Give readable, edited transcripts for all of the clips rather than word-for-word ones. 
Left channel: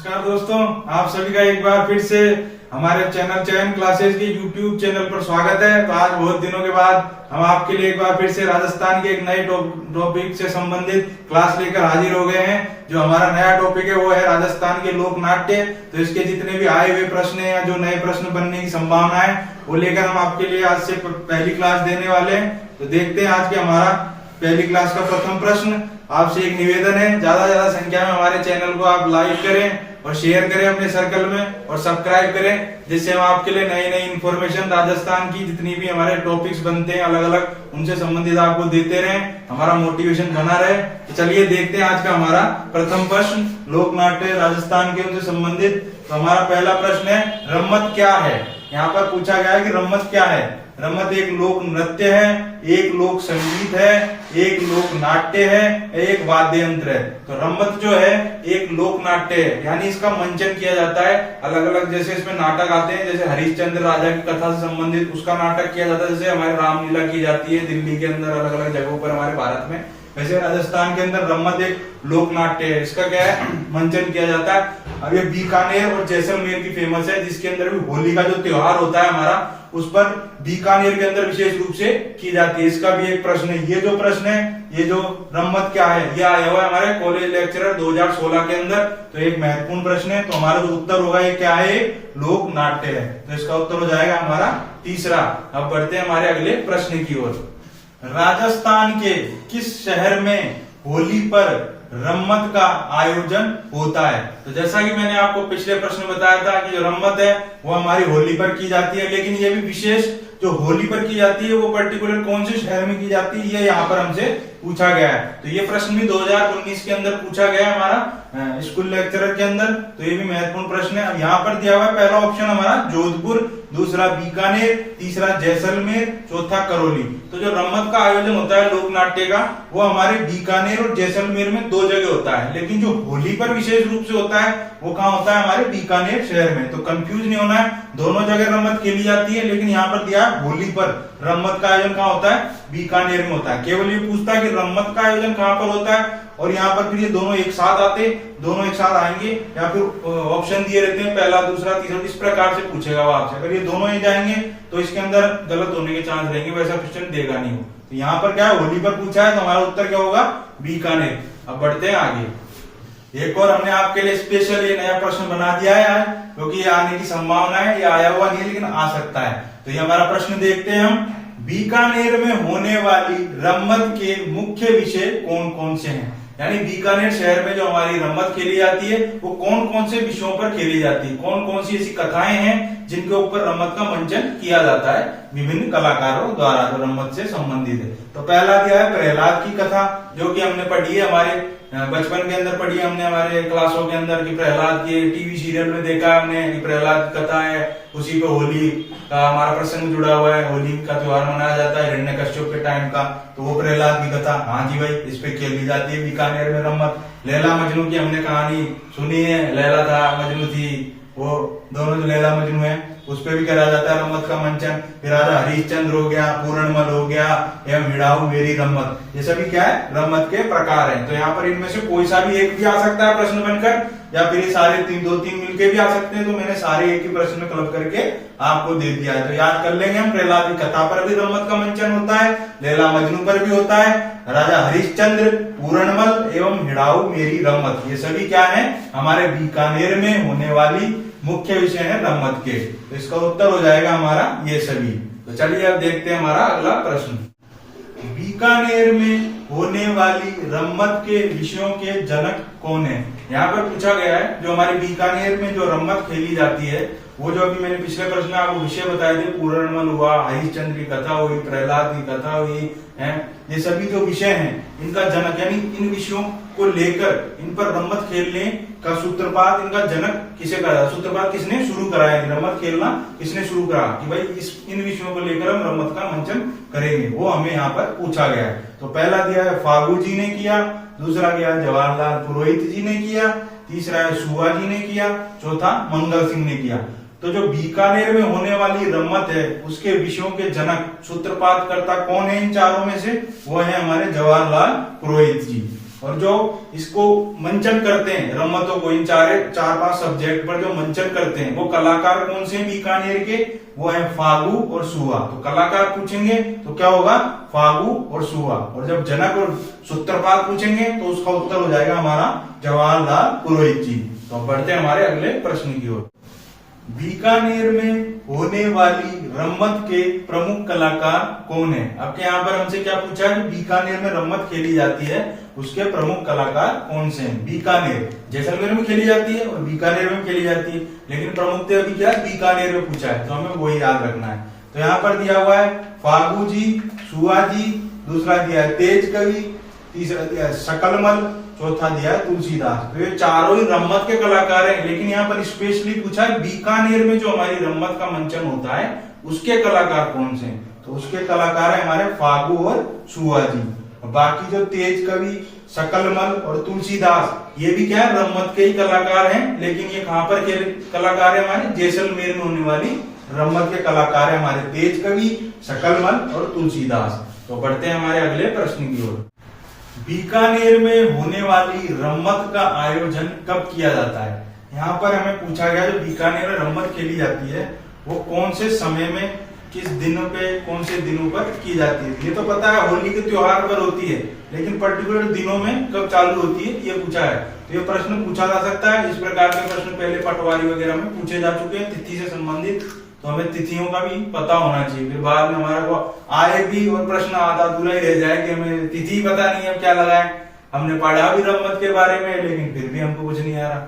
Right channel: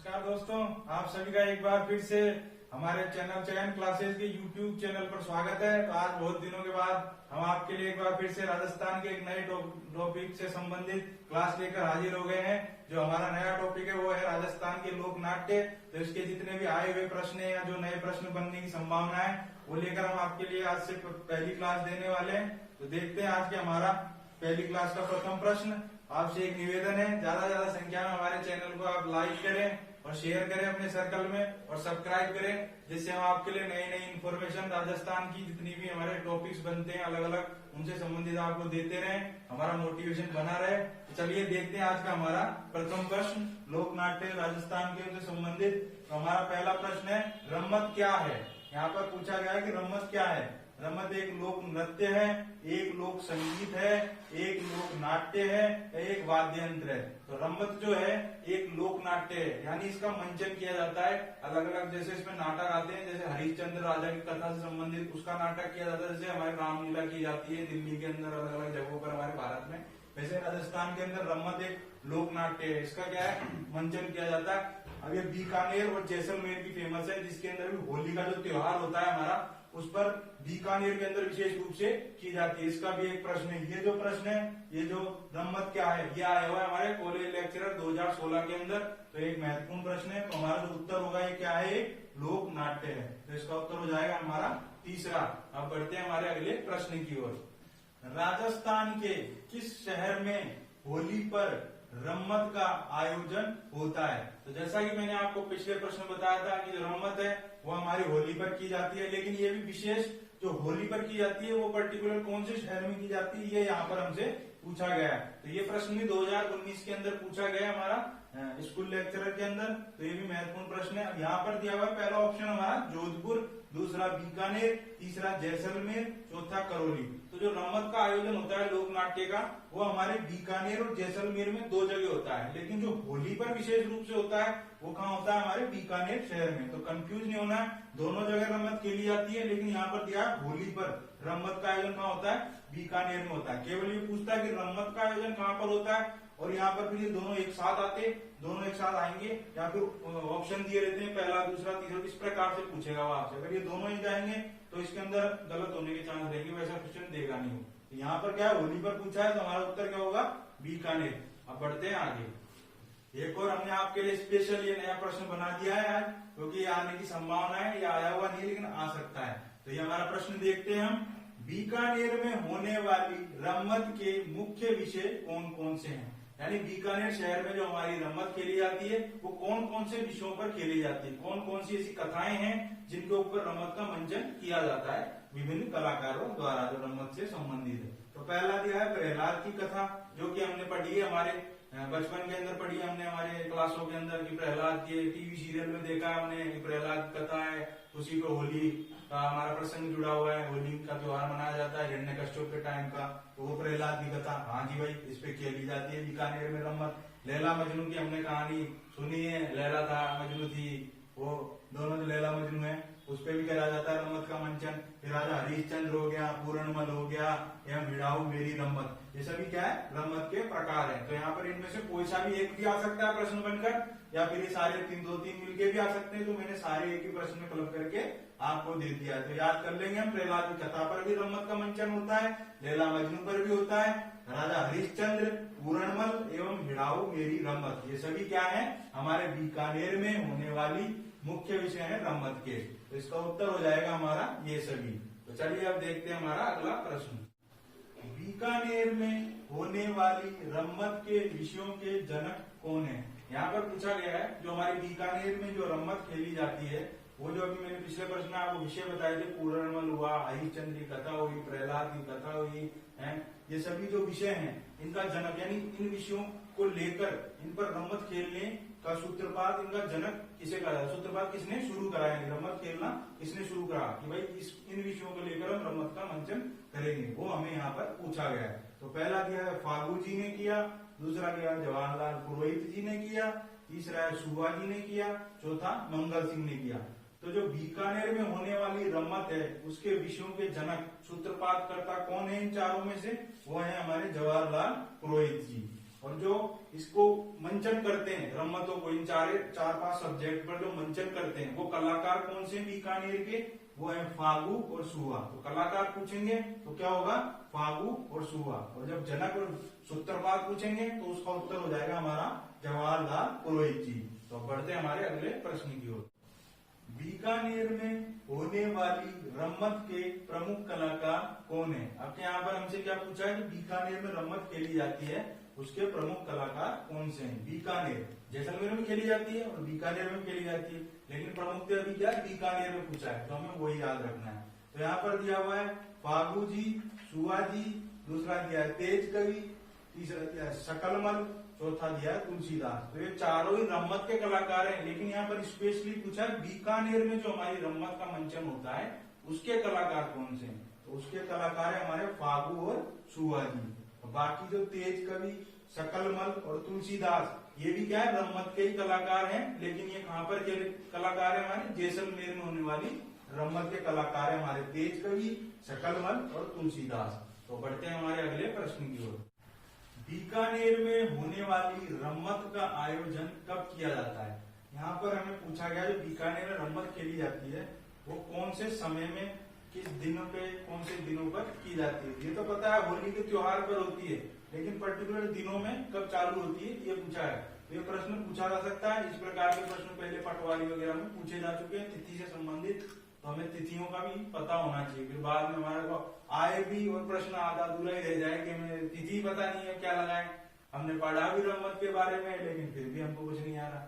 नमस्कार दोस्तों, आप सभी का एक बार फिर से हमारे चैनल चयन क्लासेस के यूट्यूब चैनल पर स्वागत है। तो आज बहुत दिनों के बाद हम आपके लिए एक बार फिर से राजस्थान के एक नए टॉपिक से संबंधित क्लास लेकर हाजिर हो गए हैं। जो हमारा नया टॉपिक है वो है राजस्थान के लोक नाट्य। तो इसके जितने भी आए हुए प्रश्न हैं या जो नए प्रश्न बनने की संभावना है वो लेकर हम आपके लिए आज से पहली क्लास देने वाले हैं। तो देखते हैं आज के हमारा पहली क्लास का प्रथम प्रश्न। आपसे एक निवेदन है, ज्यादा संख्या में हमारे चैनल को आप लाइक करें और शेयर करें अपने सर्कल में और सब्सक्राइब करें, जिससे हम आपके लिए नई नई इंफॉर्मेशन राजस्थान की जितनी भी हमारे टॉपिक्स बनते हैं अलग अलग उनसे संबंधित आपको देते रहें, हमारा मोटिवेशन बना रहे। तो चलिए देखते हैं आज का हमारा प्रथम प्रश्न लोक नाट्य राजस्थान के उनसे संबंधित। तो हमारा पहला प्रश्न है, रम्मत क्या है। यहाँ पर पूछा गया है कि रम्मत क्या है। रम्मत एक लोक नृत्य है, एक लोक संगीत है, एक लोक नाट्य है, एक वाद्य यंत्र है। तो रम्मत जो है एक लोक नाट्य है, यानी इसका मंचन किया जाता है अलग अलग, जैसे इसमें नाटक आते हैं, जैसे हरिश्चंद्र राजा की कथा से संबंधित उसका नाटक किया जाता है, जैसे हमारी रामलीला की जाती है दिल्ली के अंदर अलग अलग जगहों पर हमारे भारत में, वैसे राजस्थान के अंदर रम्मत एक लोक नाट्य है। इसका क्या है, मंचन किया जाता है। अब ये बीकानेर और जैसलमेर की फेमस है, जिसके अंदर भी होली का जो त्योहार होता है हमारा, उस पर बीकानेर के अंदर विशेष रूप से की जाती है। इसका भी एक प्रश्न है। ये जो प्रश्न है, ये जो रम्मत क्या है, ये आया हुआ है हमारे कॉलेज लेक्चरर 2016 के अंदर। तो एक महत्वपूर्ण प्रश्न है। तो हमारा जो उत्तर होगा ये क्या है, लोक नाट्य है। तो इसका उत्तर हो जाएगा हमारा तीसरा। अब बढ़ते हैं हमारे अगले प्रश्न की ओर। राजस्थान के किस शहर में होली पर रम्मत का आयोजन होता है। तो जैसा कि मैंने आपको पिछले प्रश्न में बताया था कि जो रम्मत है वो हमारी होली पर की जाती है, लेकिन ये भी विशेष जो होली पर की जाती है वो पर्टिकुलर कौन से शहर में की जाती है, ये यहाँ पर हमसे पूछा गया है। तो ये प्रश्न भी 2019 के अंदर पूछा गया है हमारा स्कूल लेक्चरर के अंदर। तो ये भी महत्वपूर्ण प्रश्न है। अब यहाँ पर दिया हुआ है पहला ऑप्शन हमारा जोधपुर, दूसरा बीकानेर, तीसरा जैसलमेर, चौथा करौली। तो जो रम्मत का आयोजन होता है लोक नाट्य का वो हमारे बीकानेर और जैसलमेर में दो जगह होता है, लेकिन जो होली पर विशेष रूप से होता है वो कहाँ होता है, हमारे बीकानेर शहर में। तो कंफ्यूज नहीं होना है, दोनों जगह रम्मत खेली जाती है, लेकिन यहाँ पर दिया होली पर रम्मत का आयोजन कहाँ होता है, बीकानेर में होता है। केवल ये पूछता है कि रम्मत का आयोजन कहाँ पर होता है, और यहाँ पर फिर ये दोनों एक साथ आते, दोनों एक साथ आएंगे, या फिर ऑप्शन दिए रहते हैं पहला दूसरा तीसरा, इस प्रकार से पूछेगा वो आपसे। अगर ये दोनों ही जाएंगे तो इसके अंदर गलत होने के चांस रहेंगे, वैसा क्वेश्चन देगा नहीं वो। तो यहाँ पर क्या है, होली पर पूछा है, तो हमारा उत्तर क्या होगा, बीकानेर। अब बढ़ते हैं आगे। एक और हमने आपके लिए स्पेशल ये नया प्रश्न बना दिया है, क्योंकि ये आने की संभावना है, ये आया हुआ नहीं है लेकिन आ सकता है। तो ये हमारा प्रश्न देखते हैं हम। बीकानेर में होने वाली रम्मत के मुख्य विषय कौन कौन से हैं। यानी बीकानेर शहर में जो हमारी रम्मत खेली जाती है वो कौन कौन से विषयों पर खेली जाती है, कौन कौन सी ऐसी कथाएं हैं जिनके ऊपर रम्मत का मंचन किया जाता है विभिन्न कलाकारों द्वारा जो रम्मत से संबंधित है। तो पहला दिया है प्रहलाद की कथा, जो कि हमने पढ़ी है हमारे बचपन के अंदर, पढ़ी हमने हमारे क्लासों के अंदर कि प्रहलाद के टीवी सीरियल में देखा हमने कि प्रहलाद कथा है, उसी पे होली का हमारा प्रसंग जुड़ा हुआ है, होली का त्योहार मनाया जाता है हिरण्यकश्यप के टाइम का। तो वो प्रहलाद की कथा, हाँ जी भाई, इस पे खेली जाती है बीकानेर में रम्मत। लैला मजनू की हमने कहानी सुनी है, लैला था मजनू थी, वो दोनों जो लैला मजनू है उस पे भी करा जाता है रम्मत का मंचन। फिर राजा हरिश्चंद्र हो गया, पूर्णमल हो गया, एवं हिड़ाऊ मेरी रम्मत, ये सभी क्या है, रम्मत के प्रकार हैं। तो यहाँ पर इनमें से कोई सा भी एक भी आ सकता है प्रश्न बनकर, या फिर ये सारे दो तीन मिलके भी आ सकते हैं। तो मैंने सारे एक ही प्रश्न में क्लब करके आपको दे दिया है। तो याद कर लेंगे हम, प्रहलाद की कथा पर भी रम्मत का मंचन होता है, लैला मजनू पर भी होता है, राजा हरिश्चंद्र, पूर्णमल एवं हिड़ाऊ मेरी रम्मत, ये सभी क्या है, हमारे बीकानेर में होने वाली मुख्य विषय है रम्मत के। तो इसका उत्तर हो जाएगा हमारा ये सभी। तो चलिए अब देखते हैं हमारा अगला प्रश्न। बीकानेर में होने वाली रम्मत के विषयों के जनक कौन है। यहाँ पर पूछा गया है जो हमारे बीकानेर में जो रम्मत खेली जाती है वो जो अभी मैंने पिछले प्रश्न में आपको विषय बताए थे, पूर्णमल हुआ, हरिश्चंद्र की कथा हुई, प्रहलाद की कथा हुई है, ये सभी जो विषय हैं इनका जनक, यानी इन विषयों को लेकर इन पर रम्मत खेलने का सूत्रपात, इनका जनक किसे कहा, सूत्रपात किसने शुरू कराया, रम्मत खेलना किसने शुरू करा, कि भाई इन विषयों को लेकर हम रम्मत का मंचन करेंगे, वो हमें यहाँ पर पूछा गया है। तो पहला दिया है फागू जी ने किया, दूसरा किया जवाहरलाल पुरोहित जी ने किया, तीसरा है सुहा जी ने किया, चौथा मंगल सिंह ने किया। तो जो बीकानेर में होने वाली रम्मत है उसके विषयों के जनक सूत्रपात करता कौन है इन चारों में से, वो है हमारे जवाहरलाल पुरोहित जी। और जो इसको मंचन करते हैं रम्मतों को, इन चार पांच सब्जेक्ट पर जो मंचन करते हैं वो कलाकार कौन से हैं बीकानेर के? वो है फागु और सुआ। तो कलाकार पूछेंगे तो क्या होगा? फागु और सुआ। और जब जनक और सूत्रपात पूछेंगे तो उसका उत्तर हो जाएगा हमारा जवाहरलाल पुरोहित जी। तो बढ़ते हैं हमारे अगले प्रश्न की ओर। बीकानेर में होने वाली रम्मत के प्रमुख कलाकार कौन है? आपके यहाँ पर हमसे क्या पूछा है कि बीकानेर में रम्मत खेली जाती है, उसके प्रमुख कलाकार कौन से हैं? बीकानेर, जैसलमेर में खेली जाती है और बीकानेर में खेली जाती है, लेकिन प्रमुख अभी क्या बीकानेर में पूछा है, तो हमें वही याद रखना है। तो यहाँ पर दिया हुआ है फागु जी, सुआ जी, दूसरा दिया है तेज कवि, तीसरा दिया है शकलमल, चौथा दिया है तुलसीदास। तो ये चारों ही रम्मत के कलाकार हैं, लेकिन यहाँ पर स्पेशली पूछा है बीकानेर में जो हमारी रम्मत का मंचन होता है उसके कलाकार कौन से हैं? तो उसके कलाकार है हमारे फागु और सुआ जी। बाकी जो तेज कवि, शकलमल और तुलसीदास ये भी क्या है? रम्मत के ही कलाकार हैं, लेकिन ये कहां पर के कलाकार है? हमारे जैसलमेर में होने वाली रम्मत के कलाकार है हमारे तेज कवि, शकलमल और तुलसीदास। तो बढ़ते हैं हमारे अगले प्रश्न की ओर। बीकानेर में होने वाली रम्मत का आयोजन कब किया जाता है? यहाँ पर हमें पूछा गया जो बीकानेर में रम्मत खेली जाती है वो कौन से समय में, किस दिनों पे, कौन से दिनों पर की जाती है? ये तो पता है होली के त्योहार पर होती है, लेकिन पर्टिकुलर दिनों में कब चालू होती है ये पूछा है। तो ये प्रश्न पूछा जा सकता है। इस प्रकार के प्रश्न पहले पटवारी वगैरह में पूछे जा चुके हैं तिथि से संबंधित, तो हमें तिथियों का भी पता होना चाहिए, फिर बाद में हमारा को आए भी और प्रश्न आधा अधूरा ही रह जाए कि हमें तिथि पता नहीं है क्या लगाए। हमने पढ़ा भी रम्मत के बारे में, लेकिन फिर भी हमको कुछ नहीं आ रहा,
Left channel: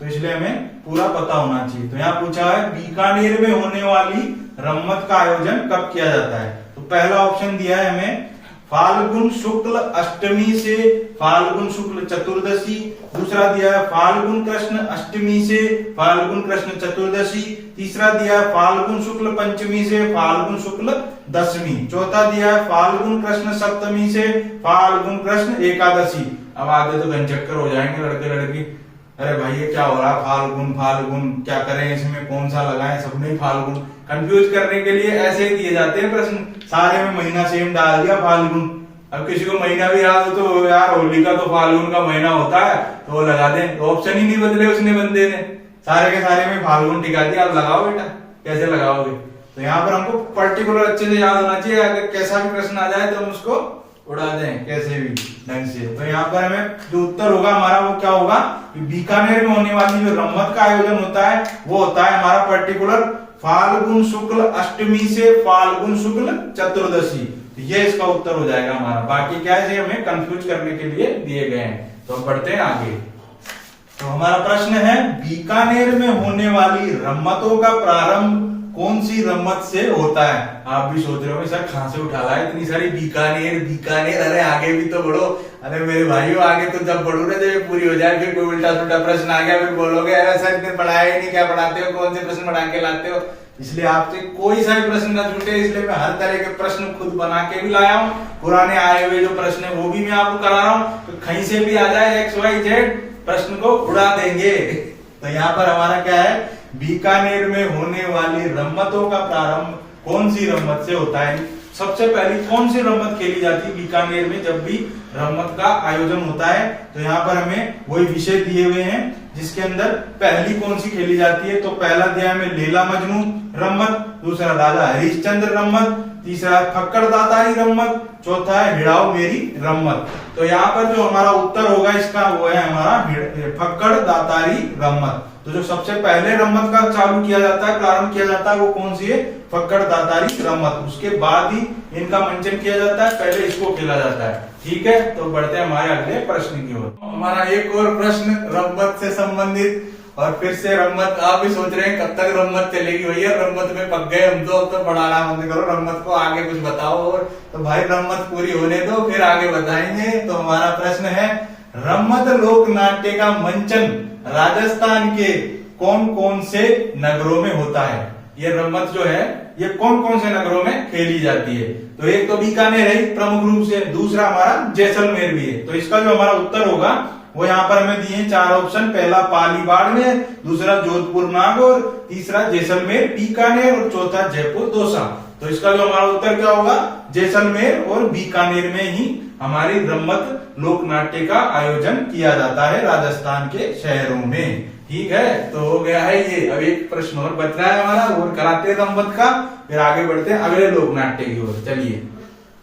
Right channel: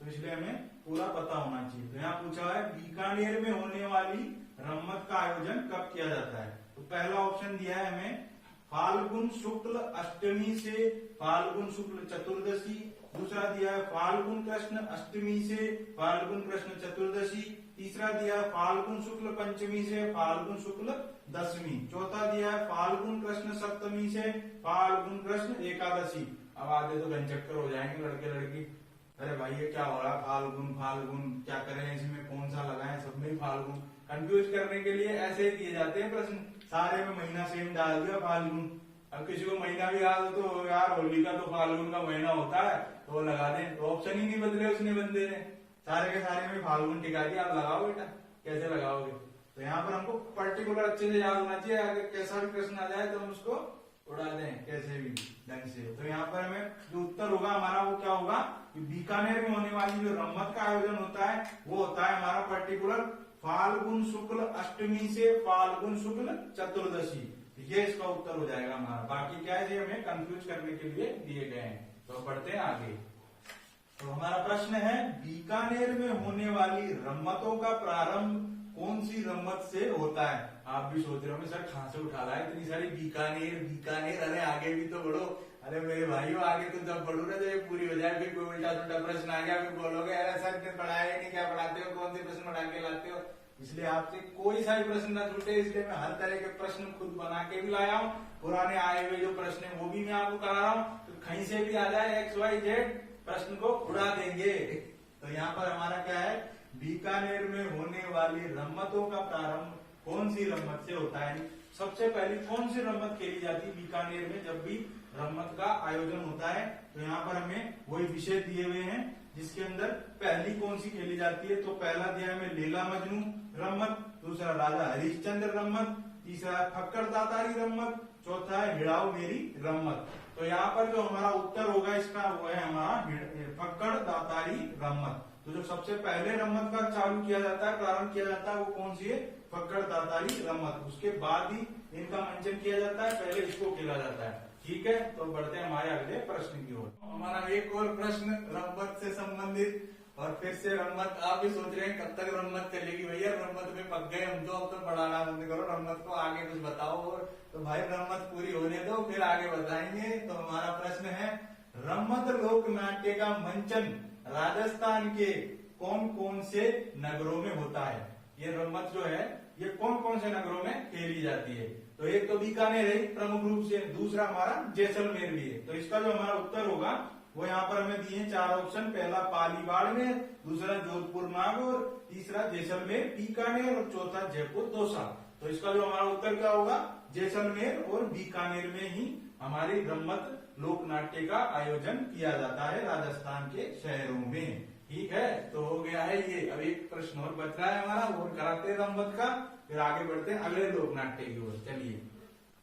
तो इसलिए हमें पूरा पता होना चाहिए। तो यहाँ पूछा है बीकानेर में होने वाली रम्मत का आयोजन कब किया जाता है? तो पहला ऑप्शन दिया है हमें फाल्गुन शुक्ल अष्टमी से फाल्गुन शुक्ल चतुर्दशी, दूसरा दिया है फाल्गुन कृष्ण अष्टमी से फाल्गुन कृष्ण चतुर्दशी, तीसरा दिया है फाल्गुन शुक्ल पंचमी से फाल्गुन शुक्ल दशमी, चौथा दिया है फाल्गुन कृष्ण सप्तमी से फाल्गुन कृष्ण एकादशी। अब आगे तो घनचक्कर हो जाएंगे लड़के लड़की, अरे भाई ये क्या हो रहा है, फाल्गुन फाल्गुन क्या करें, इसमें कौन सा लगाएं, सब में फाल्गुन। कंफ्यूज करने के लिए ऐसे ही दिए जाते हैं प्रश्न, सारे में महीना सेम डाल दिया फाल्गुन। अब किसी को महीना भी याद हो तो यार होली का तो फाल्गुन का महीना होता है तो वो लगा दें, तो ऑप्शन ही नहीं बदले उसने बंदे ने, सारे के सारे में फाल्गुन टिका दिया। अब लगाओ बेटा, कैसे लगाओगे? तो यहाँ पर हमको पर्टिकुलर अच्छे से याद होना चाहिए, अगर कैसा भी प्रश्न आ जाए तो हम उसको उड़ा दें कैसे भी ढंग से। तो यहाँ पर हमें जो उत्तर होगा हमारा वो क्या होगा? बीकानेर में होने वाली जो रम्मत का आयोजन होता है वो होता है हमारा पर्टिकुलर फाल्गुन शुक्ल अष्टमी से फाल्गुन शुक्ल चतुर्दशी। तो ये इसका उत्तर हो जाएगा हमारा। बाकी क्या है हमें कंफ्यूज करने के लिए दिए गए हैं। तो बढ़ते हैं आगे। तो हमारा प्रश्न है बीकानेर में होने वाली रम्मतों का प्रारंभ कौन सी रम्मत से होता है? आप भी सोच रहे हो सर कहां से उठा ला है इतनी सारी बीकानेर बीकानेर, अरे आगे भी तो बढ़ो। अरे मेरे भाइयों आगे तो जब बढ़ो ना, जब ये पूरी हो जाए फिर कोई उल्टा सुल्टा प्रश्न आ गया फिर बोलोगे अरे सर इतने पढ़ाया ही नहीं, क्या पढ़ाते हो, कौन से प्रश्न बना के लाते हो। इसलिए आपसे कोई सा भी प्रश्न ना छूटे, इसलिए मैं हर तरह के प्रश्न खुद बना के भी लाया हूँ। पुराने आए हुए जो प्रश्न है वो भी मैं आपको करा रहा हूँ, तो कहीं से भी आ जाए XYZ प्रश्न को उड़ा देंगे। तो यहाँ पर हमारा क्या है, बीकानेर में होने वाली रम्मतों का प्रारंभ कौन सी रम्मत से होता है? सबसे पहली कौन सी रम्मत खेली जाती है बीकानेर में जब भी रम्मत का आयोजन होता है? तो यहाँ पर हमें वही विषय दिए हुए हैं जिसके अंदर पहली कौन सी खेली जाती है। तो पहला दिया हमें लैला मजनू रम्मत, दूसरा राजा हरिश्चंद्र रम्मत, तीसरा फक्कड़ दातारी रम्मत, चौथा है हिड़ाओ मेरी रम्मत। तो यहाँ पर जो हमारा उत्तर होगा इसका वो है हमारा फक्कड़ दातारी रम्मत। तो जो सबसे पहले रम्मत का चालू किया जाता है, प्रारंभ किया जाता है, वो कौन सी है? फक्कड़ दातारी रम्मत। उसके बाद ही इनका मंचन किया जाता है, पहले इसको खेला जाता है। ठीक है, तो बढ़ते हैं हमारे अगले प्रश्न की ओर। हमारा एक और प्रश्न रम्मत से संबंधित, और फिर से रम्मत आप भी सोच रहे हैं कब तक रम्मत चलेगी भैया, रम्मत में पक गए हम तो, अब तो पढ़ाना बंद करो, रम्मत को आगे कुछ बताओ। और तो भाई रम्मत पूरी होने दो फिर आगे बताएंगे। तो हमारा प्रश्न है रम्मत लोक नाट्य का मंचन राजस्थान के कौन कौन से नगरों में होता है? ये रम्मत जो है ये कौन कौन से नगरों में खेली जाती है? तो एक तो बीकानेर है प्रमुख रूप से, दूसरा हमारा जैसलमेर भी है। तो इसका जो हमारा उत्तर होगा वो यहाँ पर हमें दिए 4 ऑप्शन, पहला पाली बाड़मेर, दूसरा जोधपुर नागौर, तीसरा जैसलमेर बीकानेर और चौथा जयपुर दौसा। तो इसका जो हमारा उत्तर क्या होगा? जैसलमेर और बीकानेर में ही हमारी रम्मत लोक नाट्य का आयोजन किया जाता है राजस्थान के शहरों में। ठीक है, तो हो गया है ये। अब एक प्रश्न और बच रहा है हमारा, और कराते हैं रम्मत का, फिर आगे बढ़ते हैं अगले लोक नाट्य की ओर। चलिए,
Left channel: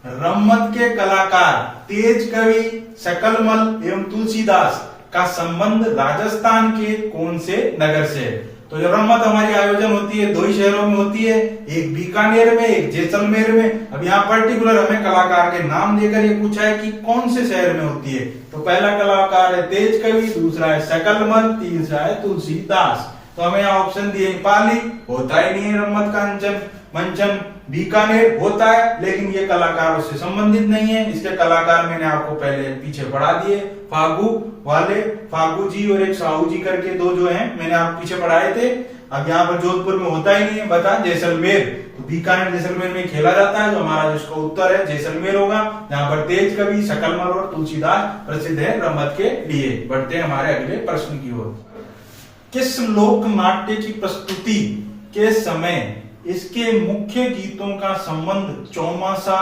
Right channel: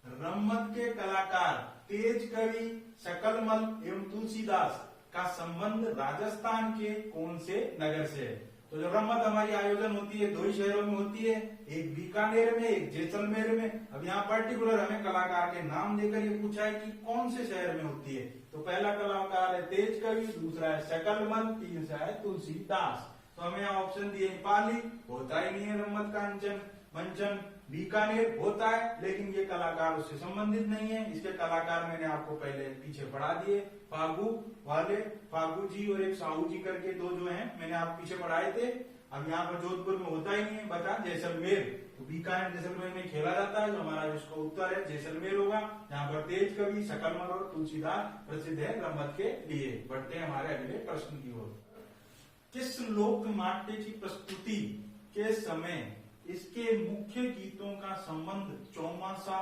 रम्मत के कलाकार तेज कवि शकलमल एवं तुलसीदास का संबंध राजस्थान के कौन से नगर से है? तो जो रम्मत हमारी आयोजन होती है 2 ही शहरों में होती है, एक बीकानेर में, एक जैसलमेर में। अब यहाँ पर्टिकुलर हमें कलाकार के नाम देकर ये पूछा है कि कौन से शहर में होती है। तो पहला कलाकार है तेज कवि, दूसरा है शकलमल, तीसरा है तुलसीदास। तो हमें यहाँ ऑप्शन दिए, पाली होता ही नहीं है रम्मत का अंचन मंचन, बीकानेर होता है लेकिन ये कलाकार उससे संबंधित नहीं है। इसके कलाकार मैंने आपको पहले पीछे पढ़ा दिए, फागू वाले, फागू जी और एक साहू जी करके 2 जो हैं मैंने आप पीछे पढ़ाए थे। अब यहाँ पर जोधपुर में होता ही नहीं है, बता जैसलमेर। तो बीकानेर जैसलमेर में खेला जाता है, जो हमारा जिसका उत्तर है जैसलमेर होगा, जहाँ पर तेज कवि शकलमल और तुलसीदास प्रसिद्ध है रम्मत के लिए। बढ़ते हैं हमारे अगले प्रश्न की ओर। किस लोक नाट्य की प्रस्तुति के समय इसके मुख्य गीतों का संबंध चौमासा,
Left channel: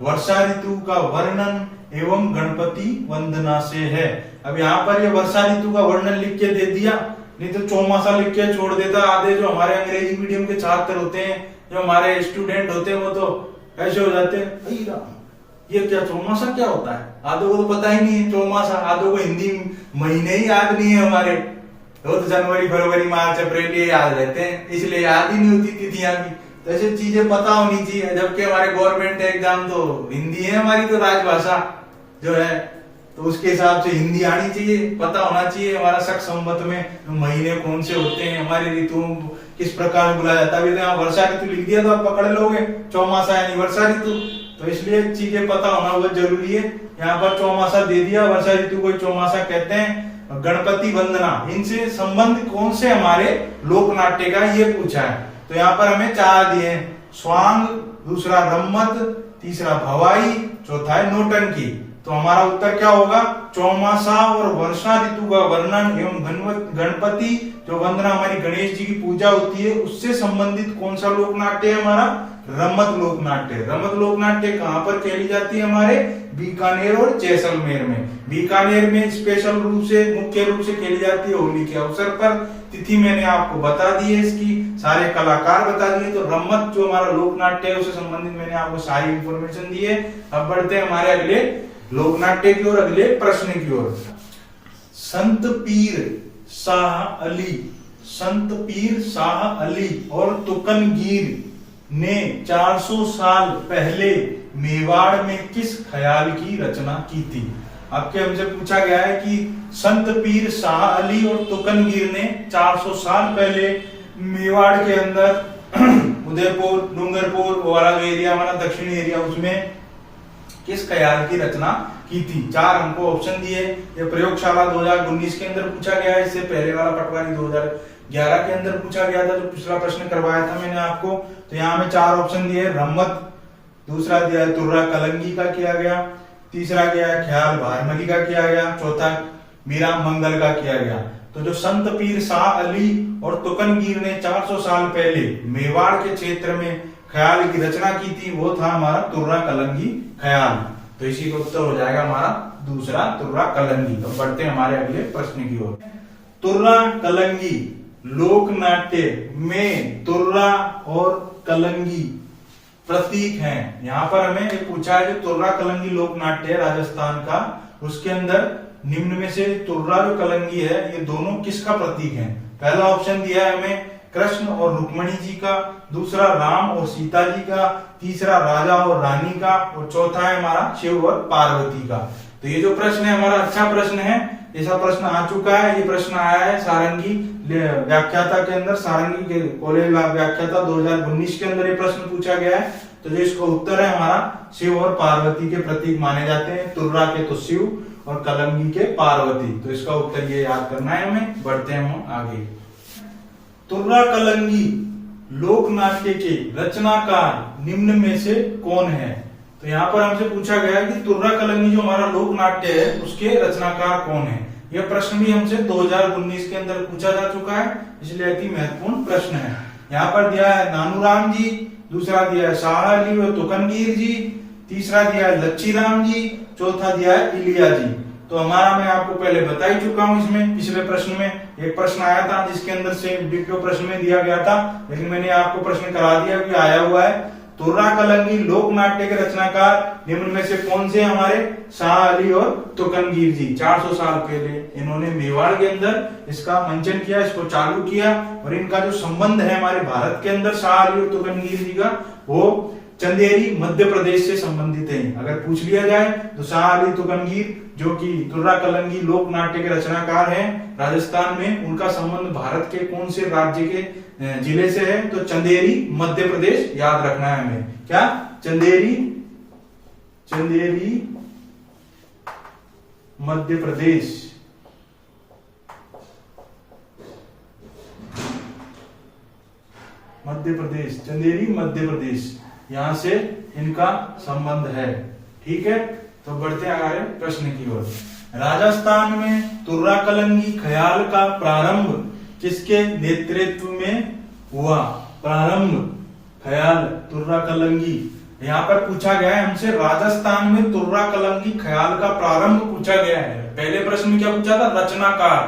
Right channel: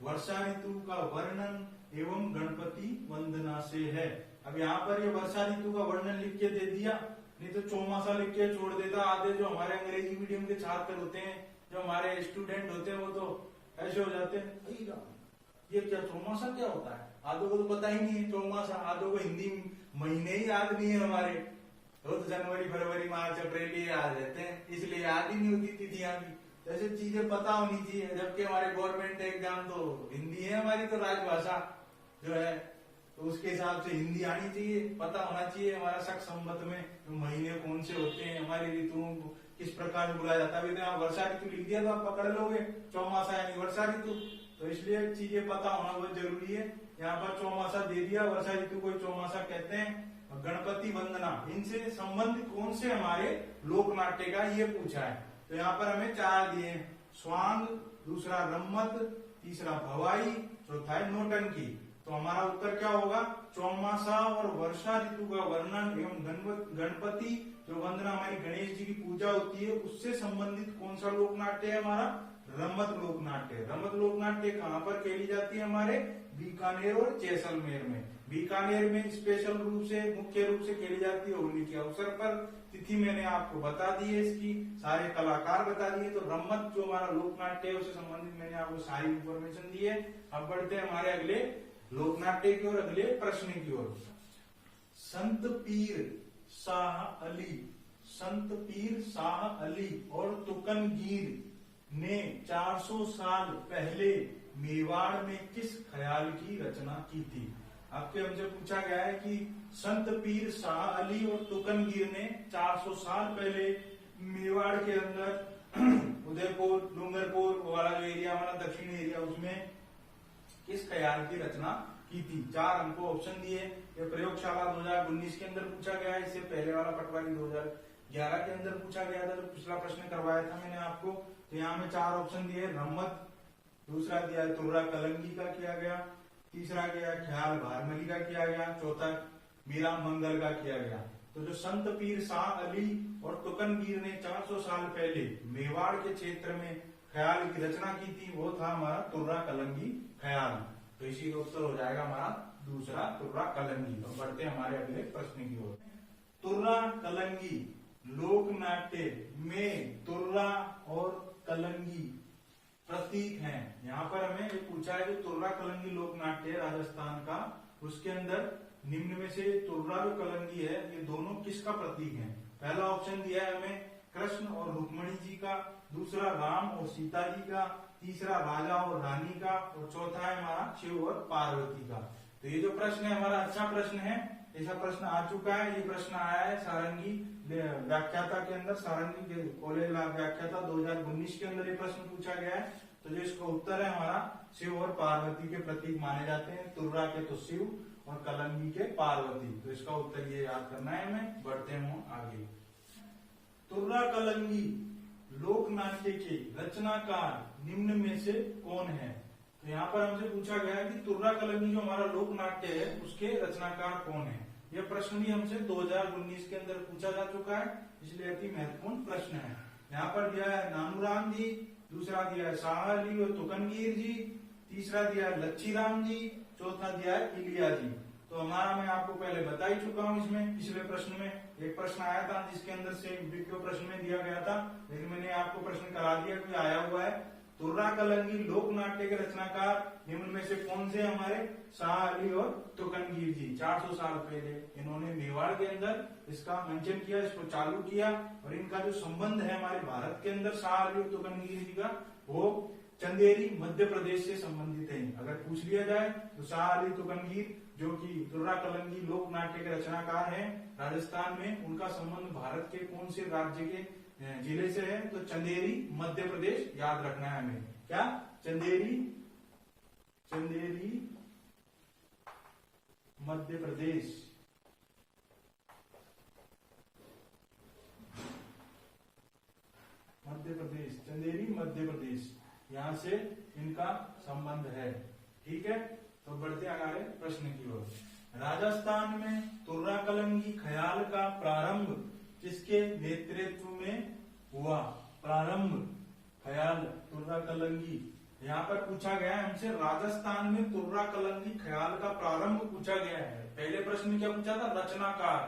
वर्षा ऋतु का वर्णन एवं गणपति वंदना से है? अब यहाँ पर ये वर्षा ऋतु का वर्णन लिख के दे दिया, नहीं तो चौमासा लिख के छोड़ देता। आधे जो हमारे अंग्रेजी मीडियम के छात्र होते हैं, जो हमारे स्टूडेंट होते हैं, वो तो ऐसे हो जाते हैं, ये क्या चौमासा क्या होता है? आधों को तो पता ही नहीं है चौमासा, आधों को हिंदी महीने ही याद नहीं है हमारे, तो जनवरी फरवरी मार्च अप्रैल ये याद रहते हैं, इसलिए याद ही नहीं होती तिथियां भी। तो ऐसी चीजें पता होनी चाहिए, जबकि हमारे गवर्नमेंट एग्जाम तो हिंदी है हमारी तो राजभाषा जो है, तो उसके हिसाब से हिंदी आनी चाहिए, पता होना चाहिए हमारा शक संवत में महीने कौन से होते हैं, हमारी ऋतुओं किस प्रकार बुलाया जाता है। अभी तो यहाँ वर्षा ऋतु लिख दिया तो आप पकड़ लोगे, चौमासा यानी वर्षा ऋतु, तो इसलिए चीजें पता होना बहुत जरूरी है। यहाँ पर चौमासा दे दिया, वर्षा ऋतु को चौमासा कहते हैं। गणपति वंदना, इनसे संबंध कौन से हमारे लोक नाट्य का, ये पूछा है। तो यहाँ पर हमें 4 दिए, स्वांग, दूसरा रम्मत, तीसरा भवाई, चौथा है नौटंकी। तो हमारा उत्तर क्या होगा? चौमासा और वर्षा ऋतु का वर्णन एवं गणपति जो वंदना हमारी गणेश जी की पूजा होती है उससे संबंधित कौन सा लोक नाट्य है हमारा? रम्मत लोक नाट्य। रम्मत लोक नाट्य कहाँ पर खेली जाती है? हमारे बीकानेर और जैसलमेर में। बीकानेर में स्पेशल रूप से, मुख्य रूप से खेली जाती है होली के अवसर पर। तिथि मैंने आपको बता दी है, इसकी सारे कलाकार बता दिए। तो रम्मत जो हमारा लोक नाट्य है उससे संबंधित मैंने आपको सारी इंफॉर्मेशन दी है। अब बढ़ते हैं हमारे अगले लोक नाट्य की ओर, अगले प्रश्न की ओर। संत पीर शाह अली और तुकनगीर ने 400 साल पहले मेवाड़ में किस ख्याल की रचना की थी? आपके हमसे पूछा गया है कि संत पीर शाह अली और तुकनगीर ने 400 साल पहले मेवाड़ के अंदर उदयपुर, डूंगरपुर वाला जो एरिया हमारा दक्षिणी एरिया, उसमें किस ख्याल की रचना की थी? 4 हमको ऑप्शन दिए। ये प्रयोगशाला 2019 के अंदर पूछा गया है, इससे पहले वाला पटवारी 2011 के अंदर पूछा गया था, जो पिछला प्रश्न करवाया था मैंने आपको। तो यहाँ में 4 ऑप्शन दिए, रम्मत, दूसरा दिया है तुर्रा कलंगी का किया गया, तीसरा गया है ख्याल भारमली का किया गया, चौथा मीरा मंगल का किया गया। तो जो संत पीर शाह अली और तुकनगीर ने 400 साल पहले मेवाड़ के क्षेत्र में ख्याल की रचना की थी, वो था हमारा तुर्रा कलंगी ख्याल। तो इसी का उत्तर हो जाएगा हमारा दूसरा, तुर्रा कलंगी। तो बढ़ते हैं हमारे अगले प्रश्न की ओर। तुर्रा कलंगी लोक नाट्य में तुर्रा और कलंगी प्रतीक हैं। यहाँ पर हमें एक पूछा है, जो तुर्रा कलंगी लोक नाट्य है राजस्थान का, उसके अंदर निम्न में से तुर्रा जो कलंगी है, ये दोनों किसका प्रतीक है? पहला ऑप्शन दिया है हमें कृष्ण और रुक्मणी जी का, दूसरा राम और सीता जी का, तीसरा राजा और रानी का, और चौथा है हमारा शिव और पार्वती का। तो ये जो प्रश्न है हमारा अच्छा प्रश्न है, ऐसा प्रश्न आ चुका है। ये प्रश्न आया है सारंगी व्याख्याता के अंदर, सारंगी के कॉलेज व्याख्याता 2019 के अंदर ये प्रश्न पूछा गया है। तो जो इसका उत्तर है हमारा शिव और पार्वती के प्रतीक माने जाते हैं। तुर्रा के तो शिव और कलंगी के पार्वती। तो इसका उत्तर ये याद करना है हमें। बढ़ते हैं हम आगे। तुर्रा कलंगी लोक नाट्य के रचनाकार निम्न में से कौन है? तो यहाँ पर हमसे पूछा गया कि तुर्रा कलंगी जो हमारा लोक नाट्य है उसके रचनाकार कौन है। यह प्रश्न भी हमसे 2019 के अंदर पूछा जा चुका है, इसलिए अति महत्वपूर्ण प्रश्न है। यहाँ पर दिया है नानूराम जी, दूसरा दिया है शाह अली और तुकनगीर जी, तीसरा दिया है लच्छी राम जी, चौथा दिया है इलियाजी। तो हमारा मैं आपको पहले बता ही चुका हूं, इसमें पिछले प्रश्न में एक प्रश्न आया था जिसके अंदर से डिक्टो प्रश्न में दिया गया था, लेकिन मैंने आपको प्रश्न करा दिया कि आया हुआ है। तुर्रा कलंगी लोक नाट्य के रचनाकार निम्न में से कौन से हमारे? शाह अली और तुकनगीर जी। 400 साल पहले इन्होंने मेवाड़ के अंदर इसका मंचन किया, इसको चालू किया। और इनका जो संबंध है हमारे भारत के अंदर शाह अली और तुकनगीर जी का, वो चंदेरी मध्य प्रदेश से संबंधित है। अगर पूछ लिया जाए तो शाह अली तुकनगीर जो कि तुर्रा कलंगी लोक नाट्य के रचनाकार हैं राजस्थान में, उनका संबंध भारत के कौन से राज्य के जिले से है? तो चंदेरी मध्य प्रदेश, याद रखना है हमें। क्या? चंदेरी मध्य प्रदेश। मध्य प्रदेश, चंदेरी मध्य प्रदेश, यहां से इनका संबंध है। ठीक है, तो बढ़ते हैं आगे प्रश्न की ओर। राजस्थान में तुर्रा कलंगी ख्याल का प्रारंभ किसके नेतृत्व में हुआ? प्रारंभ ख्याल तुर्रा कलंगी, यहाँ पर पूछा गया है हमसे राजस्थान में तुर्रा कलंगी ख्याल का प्रारंभ पूछा गया है। पहले प्रश्न में क्या पूछा था? रचनाकार।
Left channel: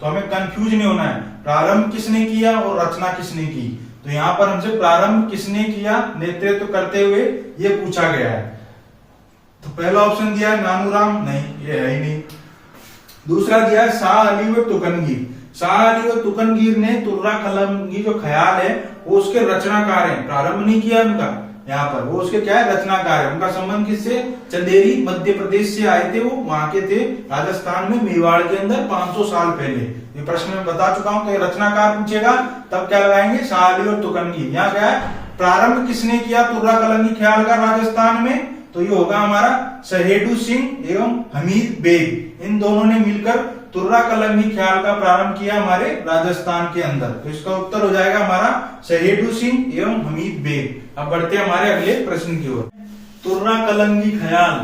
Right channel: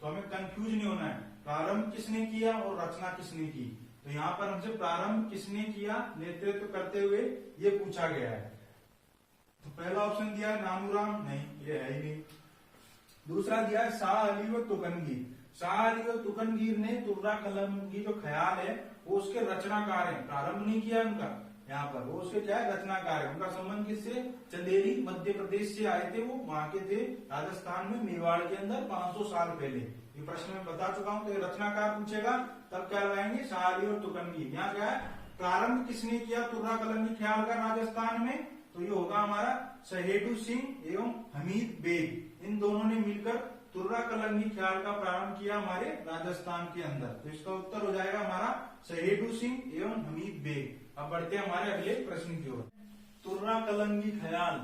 तो हमें कंफ्यूज नहीं होना है, प्रारंभ किसने किया और रचना किसने की। तो यहाँ पर हमसे प्रारंभ किसने किया नेतृत्व करते हुए ये पूछा गया है। तो पहला ऑप्शन दिया है नानूराम, नहीं ये है ही नहीं। दूसरा दिया है शाह अली व तुकनगीर। शाह अली व तुकनगीर ने तुर्रा कलंगी जो ख्याल है वो उसके रचनाकार हैं, प्रारंभ नहीं किया उनका, यहाँ पर वो उसके क्या है? रचनाकार है। उनका संबंध किससे? चंदेरी मध्य प्रदेश से आए थे, वो वहां के थे राजस्थान में मेवाड़ के अंदर 500 साल पहले। ये प्रश्न में बता चुका हूं कि रचनाकार पूछेगा तब क्या लगाएंगे? शाह अली और तुकनगीर। यहाँ क्या है? प्रारंभ किसने किया तुर्रा कलंगी ख्याल का राजस्थान में? तो ये होगा हमारा सहेडू सिंह एवं हमीद बेग। इन दोनों ने मिलकर तुर्रा कलंगी ख्याल का प्रारंभ किया हमारे राजस्थान के अंदर। तो इसका उत्तर हो जाएगा हमारा सहेडू सिंह एवं हमीद बेग। अब बढ़ते हैं हमारे अगले प्रश्न की ओर। तुर्रा कलंगी ख्याल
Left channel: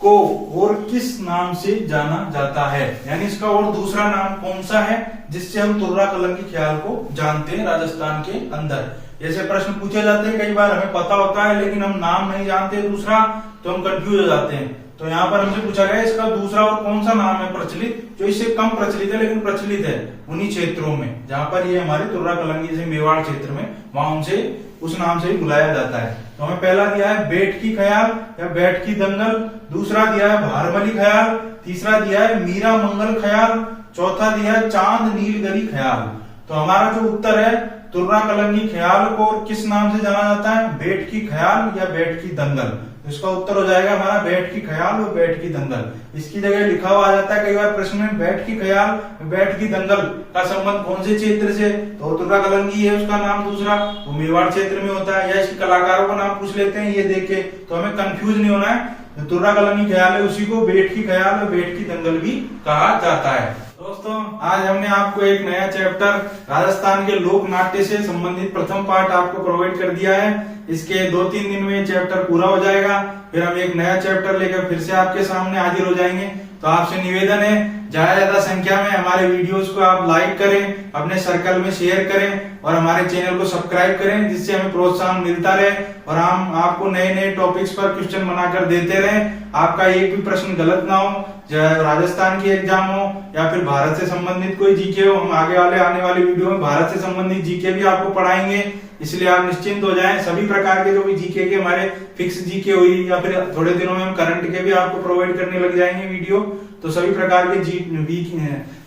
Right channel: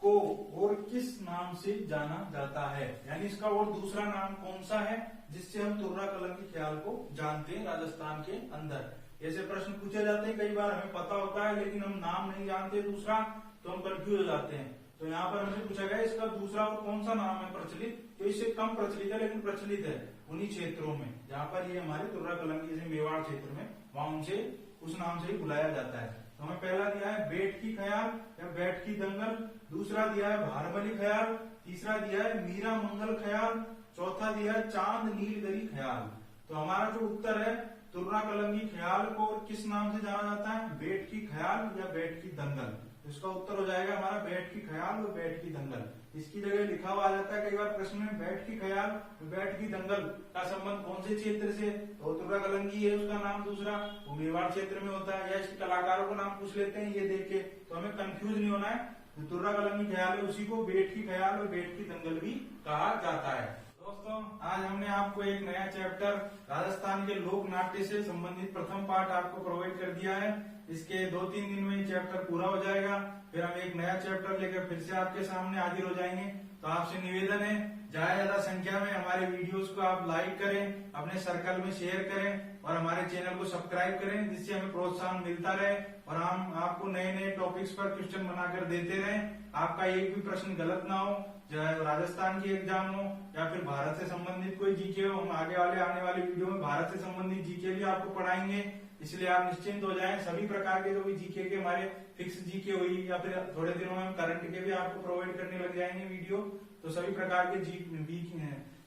को और किस नाम से जाना जाता है? यानी इसका और दूसरा नाम कौन सा है जिससे हम तुर्रा कलंगी ख्याल को जानते हैं राजस्थान के अंदर? ऐसे प्रश्न पूछे जाते हैं, कई बार हमें पता होता है लेकिन हम नाम नहीं जानते दूसरा, तो हम कंफ्यूज हो जाते हैं। तो यहाँ पर हमसे पूछा गया इसका दूसरा और कौन सा नाम है प्रचलित, जो इससे कम प्रचलित है लेकिन प्रचलित है उन्हीं क्षेत्रों में जहां पर ये हमारे तुर्रा कलंगी जैसे मेवाड़ क्षेत्र में, वहां उनसे उस नाम से ही बुलाया जाता है। तो हमें पहला दिया है बैठकी ख्याल या बैठकी दंगल, दूसरा दिया है भारमली ख्याल, तीसरा दिया है मीरा मंगल ख्याल, चौथा दिया है चांद नीलगरी ख्याल। तो हमारा जो उत्तर है तुर्रा कलंगी ख्याल को किस नाम से जाना जाता है? बैठकी ख्याल या बैठकी दंगल। तो इसका उत्तर हो जाएगा हमारा बैठकी ख्याल और बैठकी दंगल। इसकी जगह लिखा हुआ आ जाता है कई बार प्रश्न में बैठकी ख्याल बैठकी दंगल का संबंध कौन से क्षेत्र से? तो तुर्रा कलंगी है उसका नाम, दूसरा वो मेवाड़ क्षेत्र में होता है, या इसके कलाकारों का नाम पूछ लेते हैं ये देख के, तो हमें कंफ्यूज नहीं होना है। तुर्रा कलंगी ख्याल है उसी को बैठकी ख्याल और बैठकी दंगल भी कहा जाता है। दोस्तों आज हमने आपको एक नया चैप्टर राजस्थान के लोक नाट्य से संबंधित प्रथम पार्ट आपको प्रोवाइड कर दिया है। इसके 2-3 दिन में चैप्टर पूरा हो जाएगा, फिर हम एक नया चैप्टर लेकर फिर से आपके सामने हाजिर हो जाएंगे। तो आपसे निवेदन है ज्यादा संख्या में हमारे वीडियोस को आप लाइक करें, अपने सर्कल में शेयर करें और हमारे चैनल को सब्सक्राइब करें, जिससे हमें प्रोत्साहन मिलता रहे और हम आपको नए नए टॉपिक्स पर क्वेश्चन बनाकर देते रहें। आपका एक भी प्रश्न गलत ना हो, चाहे राजस्थान की एग्जाम हो या फिर भारत से संबंधित कोई जीके हो। हम आगे आने वाले वीडियो में भारत से संबंधित जीके भी आपको पढ़ाएंगे, इसलिए आप निश्चिंत हो जाएं। सभी प्रकार के जो भी जीके के हमारे फिक्स जीके हुई या फिर थोड़े दिनों में हम करंट के भी आपको प्रोवाइड करने लग जाएंगे वीडियो। तो सभी प्रकार के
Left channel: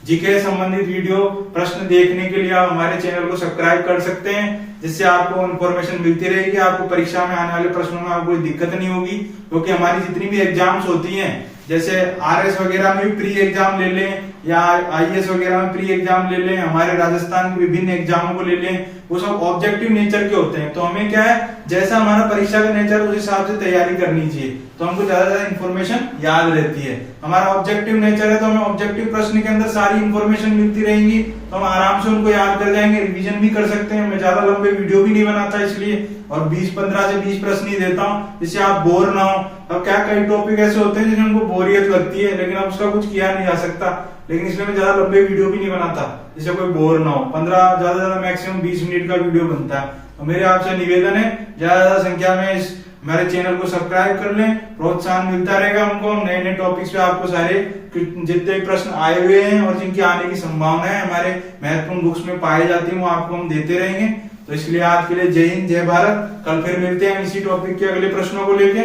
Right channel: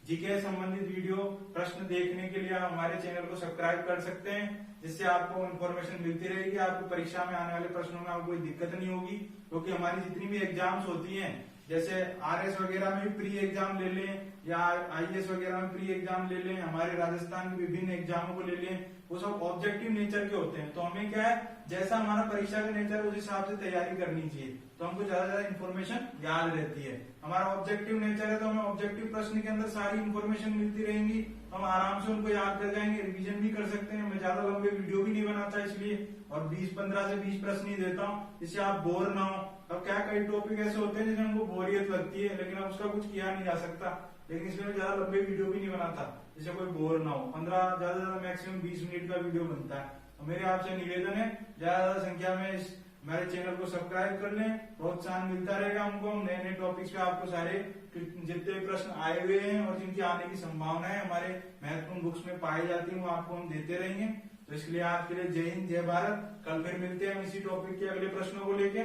जीके संबंधित वीडियो प्रश्न देखने के लिए आप हमारे चैनल को सब्सक्राइब कर सकते हैं, जिससे आपको इन्फॉर्मेशन मिलती रहेगी। आपको परीक्षा में आने वाले प्रश्नों में आपको कोई दिक्कत नहीं होगी, क्योंकि हमारी जितनी भी एग्जाम्स होती हैं, जैसे आरएस वगैरह में भी प्री एग्जाम ले लें या आईएएस वगैरह में प्री एग्जाम ले लें, हमारे राजस्थान के विभिन्न एग्जामों को ले लें, वो सब ऑब्जेक्टिव नेचर के होते हैं। तो हमें क्या है, जैसा हमारा परीक्षा का नेचर उस हिसाब से तैयारी करनी चाहिए, तो हमको ज्यादा ज्यादा इन्फॉर्मेशन याद रहती है। हमारा ऑब्जेक्टिव नेचर है तो हमें ऑब्जेक्टिव प्रश्न के अंदर सारी इन्फॉर्मेशन मिलती रहेंगी, तो हम आराम से उनको याद कर जाएंगे, रिवीजन भी कर सकते हैं। मैं ज्यादा लंबे वीडियो भी नहीं बनाता इसलिए, और 15 से 20 प्रश्न ही देता हूँ, जिससे आप बोर ना हो। अब क्या कई टॉपिक ऐसे होते हैं जिसमें हमको बोरियत लगती है, लेकिन अब उसका कुछ किया नहीं जा सकता, लेकिन इसलिए मैं ज्यादा लंबे वीडियो भी नहीं बनाता, जिससे कोई बोर ना हो। 15 ज्यादा मैक्सिमम 20 मिनट का वीडियो बनता है। तो मेरे आपसे निवेदन है ज्यादा संख्या में इस हमारे चैनल को सब्सक्राइब कर लें, प्रोत्साहन मिलता रहेगा हमको। हम नए नए टॉपिक्स पे आपको सारे जितने भी प्रश्न आए हुए हैं और जिनकी आने की संभावना है हमारे महत्वपूर्ण बुक्स में पाई जाती है, वो आपको हम देते रहेंगे। तो इसलिए आज के लिए जय हिंद, जय भारत। कल फिर मिलते हैं इसी टॉपिक के अगले प्रश्नों को लेके।